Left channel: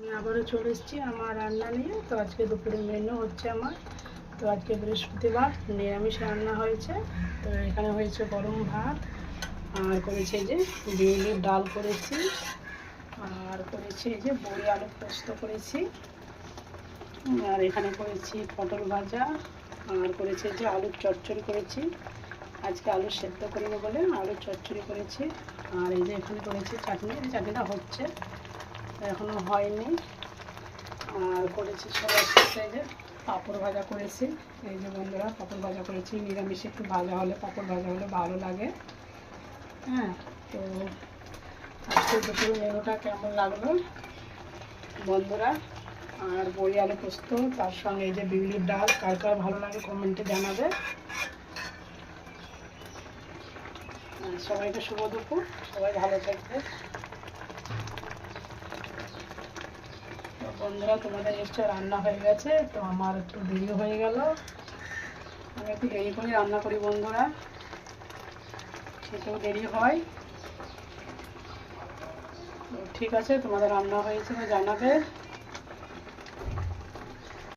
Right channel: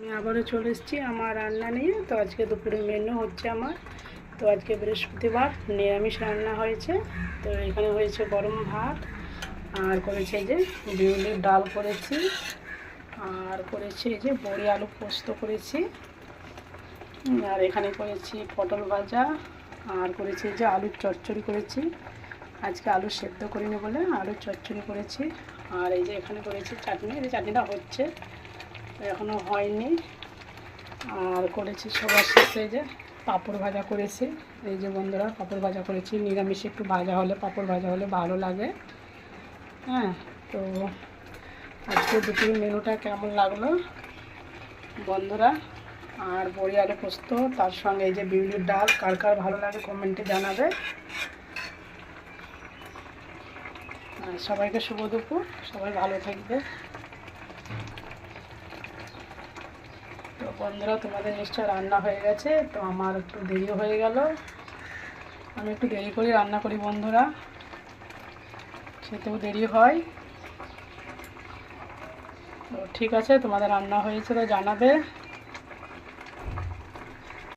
আমি আবারও চলে এসেছি আমার রান্না নিয়ে। তো আজকে দুপুরে মেনু হচ্ছে আমার, তো আজকে বৃহস্পতিবার নিরামিষ রান্না হয়েছে। তো এখানে হয়েছে গরম ভাত, আর করেছে এই যে বিউলির ডাল করেছি, আর করেছি এই যে বড়ি আলু পোস্ত করেছি, আর এখানে করেছি পটল ভাজা, আর করেছি যে আলুর চচ্চড়ি করেছি। আজকে আলু সেদ্ধ করিনি বলে আলুর চচ্চড়ি করেছি। আর এই যে এখানে করেছি চাটনি, এই চাটনিটা হচ্ছে, এখনও হয়নি। আর করেছি সবার শেষে যে পাঁপড় ভাজা করেছি। এই যে বন্ধুরা পাঁপড় ভাজা করেছি, নিরামিষে একটু ভাজা হলে পাঁপড় ভাজা হলে ভালো লাগে। হ্যাঁ, তো আজকে দুপুরের মেনুটা কেমন লাগলো বন্ধুরা। আর বড়ি আলু পোস্ত, তার সঙ্গে এই যে বিউলির ডাল, কার কার ভালো লাগে কমেন্টে জানাবে। সবাইকে শুভ দুপুর, সবাই ভালো থাকবে। তো বন্ধুরা তোমাদের নিশ্চয় রান্না হয়ে গেছে, তো আমার একটু দেরি হয়ে গেল। আমি একটু দেরি করে রান্না করি বন্ধুরা, খেতেও দেরি হয়। তো ঠিক আছে, তোমাদের রান্না হয়েছে তো জানাবে।